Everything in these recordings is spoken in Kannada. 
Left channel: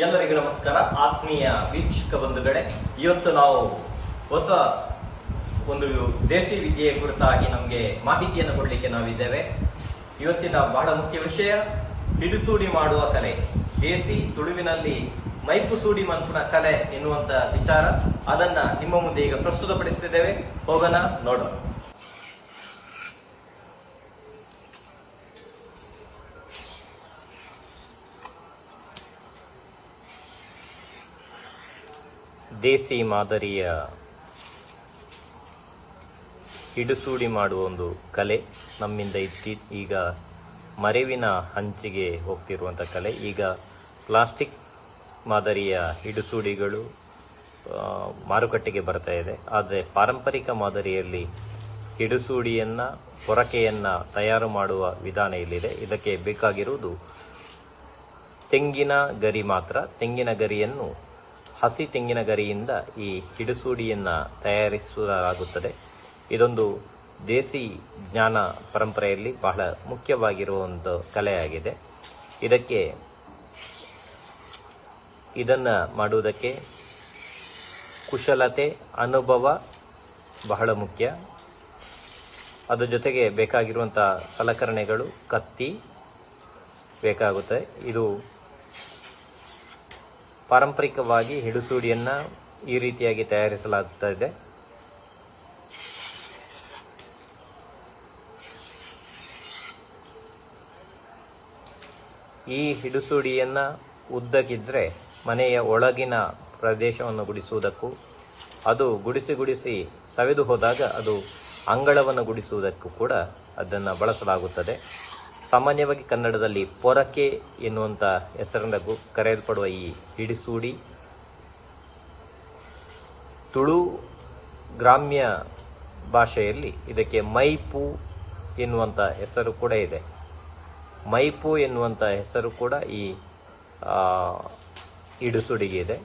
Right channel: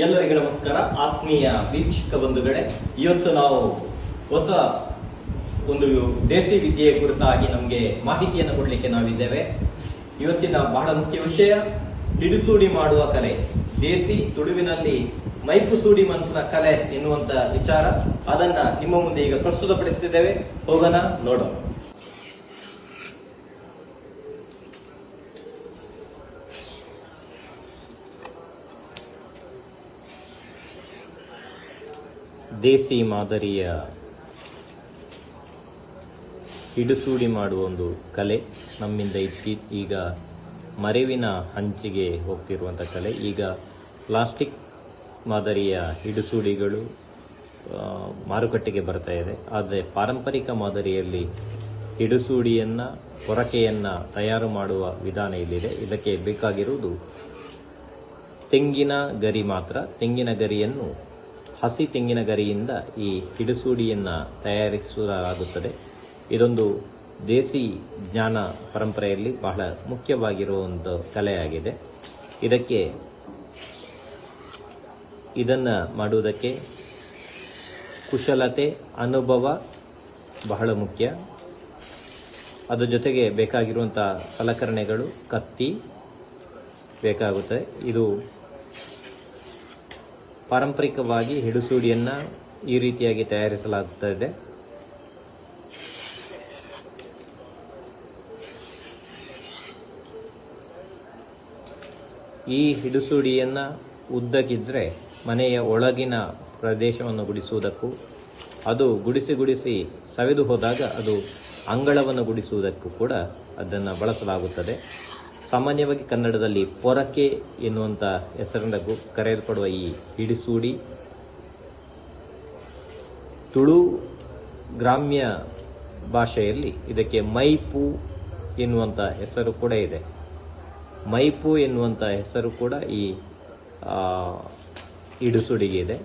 ಎಲ್ಲರಿಗೂ ನಮಸ್ಕಾರ. ಆತ್ಮೀಯ ವೀಕ್ಷಕ ಬಂಧುಗಳೇ, ಇವತ್ತು ನಾವು ಹೊಸ ಒಂದು ದೇಸಿ ವಿದ್ಯೆಯ ಕುರಿತಾಗಿ ನಮಗೆ ಮಾಹಿತಿಯನ್ನು ಕೊಡಲಿಕ್ಕೆ ನಾವಿದ್ದೇವೆ. ಇವತ್ತಿನ ಬಹಳ ಮುಖ್ಯ ವಿಷಯ ಹಿಡಿಸೂಡಿ ಮಾಡುವ ಕಲೆ, ದೇಸಿ ತುಳುವಿನಲ್ಲಿ ಮೈಪುಸೂಡಿ ಮಂತ್ರ ಕಲೆ ಎನ್ನುವಂತ ವಿಚಾರ. ಅದನ್ನ ನಿಮ್ಮ ಮುಂದೆ ಈಗ ಪ್ರಸ್ತುತಪಡಿಸುತ್ತಿದ್ದೇವೆ. ಹೋಗೋಣ, ನೋಡೋಣ. ದೇಸಿ ಮಾದರಿಯ ಹಿಡಿಸೂಡಿ ಮಾಡುವ ಒಂದು ಕಲೆ ನಮ್ಮಿಂದ ಈಗ ಮರೆವಿನ ಹಂಚಿಗೆ ಹೋಗ್ತಿರುವಂಥ ಕಲೆ. ಈಗ ಪ್ಲಾಸ್ಟಿಕ್ ಮಾದರಿಯ ಹಿಡಿಸೂಡಿಗಳು ಮಾರುಕಟ್ಟೆಗೆ ಬರ್ತಾ ಇದೆ. ಆದರೆ ಪಾರಂಪರಿಕ ಮಾದರಿಯಲ್ಲಿ ಹಿಡಿಸೂಡಿಯನ್ನು, ಪೊರಕೆಯನ್ನು ತಯಾರು ಮಾಡುವ ವಿಧಾನ ಇಲ್ಲಿದೆ. ಇದಕ್ಕೆ ಬೇಕಾಗಿರುವುದು ತೆಂಗಿನ ಗರಿ ಮಾತ್ರ. ತೆಂಗಿನ ಗರಿಯನ್ನು, ಹಸಿ ತೆಂಗಿನ ಗರಿಯಿಂದ ಈ ಹಿಡಿಸೂಡಿಯನ್ನು ತಯಾರಿಸಲಾಗುತ್ತದೆ. ಇದೊಂದು ದೇಸಿ ಜ್ಞಾನ ಪರಂಪರೆಯಲ್ಲಿ ಬಹಳ ಮುಖ್ಯವಾಗಿರುವಂಥ ಕಲೆಯಾಗಿದೆ. ಇದನ್ನು ಮಾಡುವುದಕ್ಕೆ ಕುಶಲತೆ, ಅನುಭವ ಬಹಳ ಮುಖ್ಯ. ಅದರ ಜೊತೆಗೆ ಬೇಕಾಗಿರುವಂಥ ಸಲಕರಣೆಗಳು, ಕತ್ತಿ ಬೇಕಾಗುತ್ತೆ. ಇದು ಪಾರಂಪರಿಕವಾಗಿ ಹಿಡಿಸೂಡಿಯನ್ನು ಈ ರೀತಿಯಾಗಿ ತಯಾರಿಸಲಾಗುತ್ತದೆ. ಈ ಹಿಡಿಸೂಡಿಯನ್ನು ಉದ್ದಕ್ಕಿದ್ರೆ ಮನೆಯ ಒಳಗಿನ ಪ್ರದೇಶವನ್ನು ಗುಡಿಸುವುದಕ್ಕೂ, ಅದು ಗುಡಿಸಿ ಸವೆದು ಹೋದಾಗ ಅದು ಅಂಗಳವನ್ನು ಗುಡಿಸುವುದಕ್ಕೂ ಕೂಡ ಅದನ್ನು ಬಳಸಲಾಗುತ್ತದೆ. ಸಾಮಾನ್ಯವಾಗಿ ಕನ್ನಡದಲ್ಲಿ ಪೊರಕೆ ಎನ್ನುವಂಥ ಹೆಸರಿಂದ ಕರೆಯಲ್ಪಡುವ ಈ ಹಿಡಿಸೂಡಿ, ತುಳು ಗ್ರಾಮ್ಯ ಭಾಷೆಯಲ್ಲಿ ಇದಕ್ಕೆ ಮೈಪು ಎನ್ನುವಂಥ ಹೆಸರು ಕೂಡ ಇದೆ. ಮೈಪು ಎನ್ನುವಂಥ ಹೆಸರು ಕೂಡ ಈ ಹಿಡಿಸೂಡಿಗೆ ಇದೆ.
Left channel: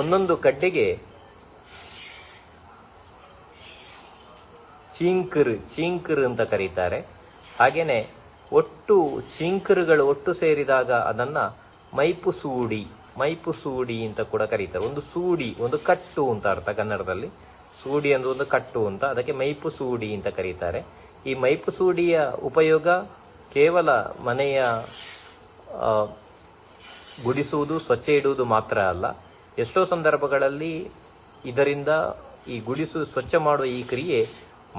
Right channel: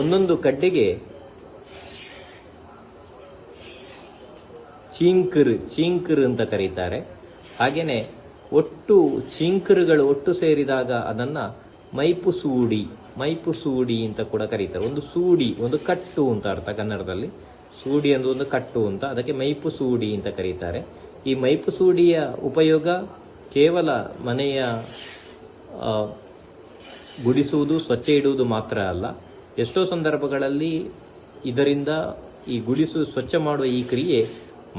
ಒಂದೊಂದು ಕಡ್ಡೆಗೆ ಚೀಂಕರ್ ಅಂತ ಕರೀತಾರೆ. ಹಾಗೇನೆ ಒಟ್ಟು ಚೀಂಕರುಗಳು ಒಟ್ಟು ಸೇರಿದಾಗ ಅದನ್ನ ಮೈಪು ಸೂಡಿ ಅಂತ ಕೂಡ ಕರೀತಾರೆ. ಒಂದು ಸೂಡಿ, ಒಂದು ಕಟ್ಟು ಅಂತ ಅರ್ಥ ಕನ್ನಡದಲ್ಲಿ. ಸೂಡಿ ಅಂದ್ರೆ ಒಂದು ಕಟ್ಟು ಅಂತ, ಅದಕ್ಕೆ ಮೈಪು ಸೂಡಿ ಅಂತ ಕರೀತಾರೆ. ಈ ಮೈಪು ಸೂಡಿಯ ಉಪಯೋಗ ಕೇವಲ ಮನೆಯ ಗುಡಿಸುವುದು, ಸ್ವಚ್ಛ ಇಡುವುದು ಮಾತ್ರ ಅಲ್ಲ. ಎಷ್ಟೋ ಸಂದರ್ಭಗಳಲ್ಲಿ ಇದರಿಂದ ಈ ಸ್ವಚ್ಛ ಮಾಡುವ ಈ ಕ್ರಿಯೆ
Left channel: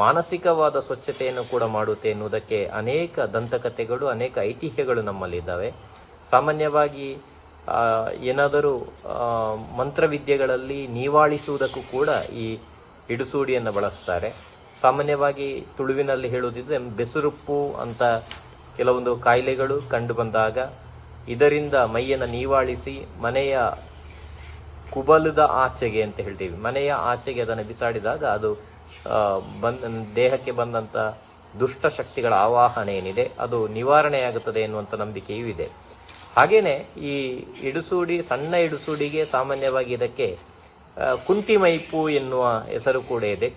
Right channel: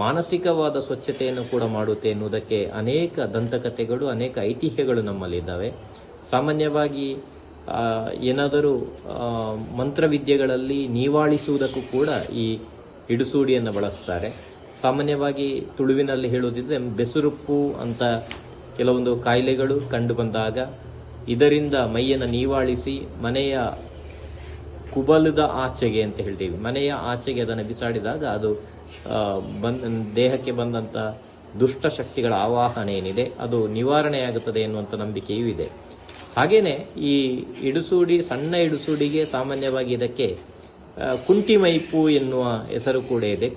ಮಾನಸಿಕವಾದ ಸ್ವಚ್ಛತೆಯನ್ನು ಕೂಡ ಮಾಡುತ್ತೆ ಎನ್ನುವುದಕ್ಕೆ ಅನೇಕ ದಂತಕಥೆಗಳು, ಅನೇಕ ಐತಿಹ್ಯಗಳು ನಮ್ಮಲ್ಲಿದ್ದಾವೆ. ಸಾಮಾನ್ಯವಾಗಿ ಏನಾದರೂ ಮಂತ್ರವಿದ್ಯೆಗಳಲ್ಲಿ ನೀವಾಳಿಸುವುದಕ್ಕೂ ಕೂಡ ಈ ಹಿಡಿಸೂಡಿಯನ್ನು ಬಳಸ್ತಾರೆ. ಸಾಮಾನ್ಯವಾಗಿ ತುಳುವಿನಲ್ಲಿ ಹೇಳುವುದಿದ್ರೆ ಬೆಸುರುಪ್ಪು ಅಂತ ಕೆಲವೊಂದು ಕಾಯಿಲೆಗಳು ಕಂಡು ಬಂದಾಗ ಇದರಿಂದ ಮೈಯನ್ನು ನೀವಾಳಿಸಿ ಮನೆಯ ಕುಬಲದ ಆಚೆಗೆ ಅಂತ ಹೇಳ್ತೀವಿ, ಮನೆಯ ಆಚೆಗೆ ಅದನ್ನು ಬಿಸಾಡಿದಾಗ ಅದು ದೇಹಕ್ಕೆ ಬಂದಂಥ ದುಷ್ಟ ಶಕ್ತಿಗಳ ಆವಾಹನೆ ಏನಿದೆ ಅದು ನಿವಾರಣೆಯಾಗುತ್ತದೆ ಎನ್ನುವಂಥ ನಂಬಿಕೆಯೂ ಇದೆ. ಹಾಗೇನೆ ಈ ಹಿಡಿಸೂಡಿ, ಸಣ್ಣ ಹಿಡಿಸೂಡಿಗೆ ಸಾಮಾನ್ಯವಾಗಿ ಇದಕ್ಕೆ ಕುಂಟಿ ಮೈಪು ಎನ್ನುವ ಹೆಸರು ಕೂಡ ಇದೆ.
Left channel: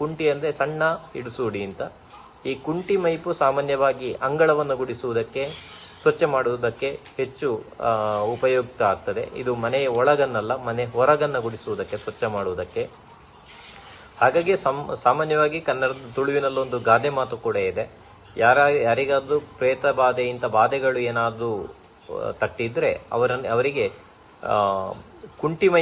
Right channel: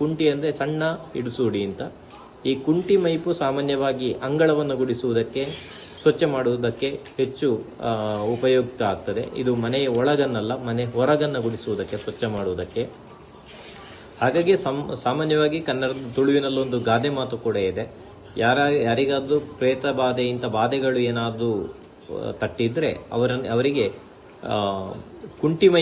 ಕುಂಟಿ ಅಂದರೆ ಸಣ್ಣ ಹಿಡಿಸೂಡಿ ಅಂತ. ಈ ಕುಂಟಿ ಮೈಪು ಸಾಮಾನ್ಯವಾಗಿ ಅಂಗಳವನ್ನು ಗುಡಿಸುವುದಕ್ಕೆ, ಸ್ವಚ್ಛ ಮಾಡುವುದಕ್ಕೆ ಹೆಚ್ಚು ಉಪಯುಕ್ತ ಆಗ್ತದೆ. ಇದು ಮನೆಯ ಒಳಗನ್ನಲ್ಲ, ಮನೆ ಹೊರಗನ್ನ ಗುಡಿಸುವುದಕ್ಕೆ, ಸ್ವಚ್ಛ ಮಾಡುವುದಕ್ಕೆ. ಹಾಗಾಗಿ ಸಾಮಾನ್ಯವಾಗಿ ಕನ್ನಡದ ತುಳುವಿನಲ್ಲೊಂದು ಗಾದೆ ಮಾತು ಕೂಡ ಇದೆ. ಯಾರಿಗಾದ್ರೂ ಪ್ರೇತ ಬಾಧೆ, ಇಂಥ ಬಾಧೆಗಳು ಏನಾದರೂ ತಟ್ಟಿದ್ರೆ ಅವರಿಗೆ ಕುಂಟಿ ಮೈ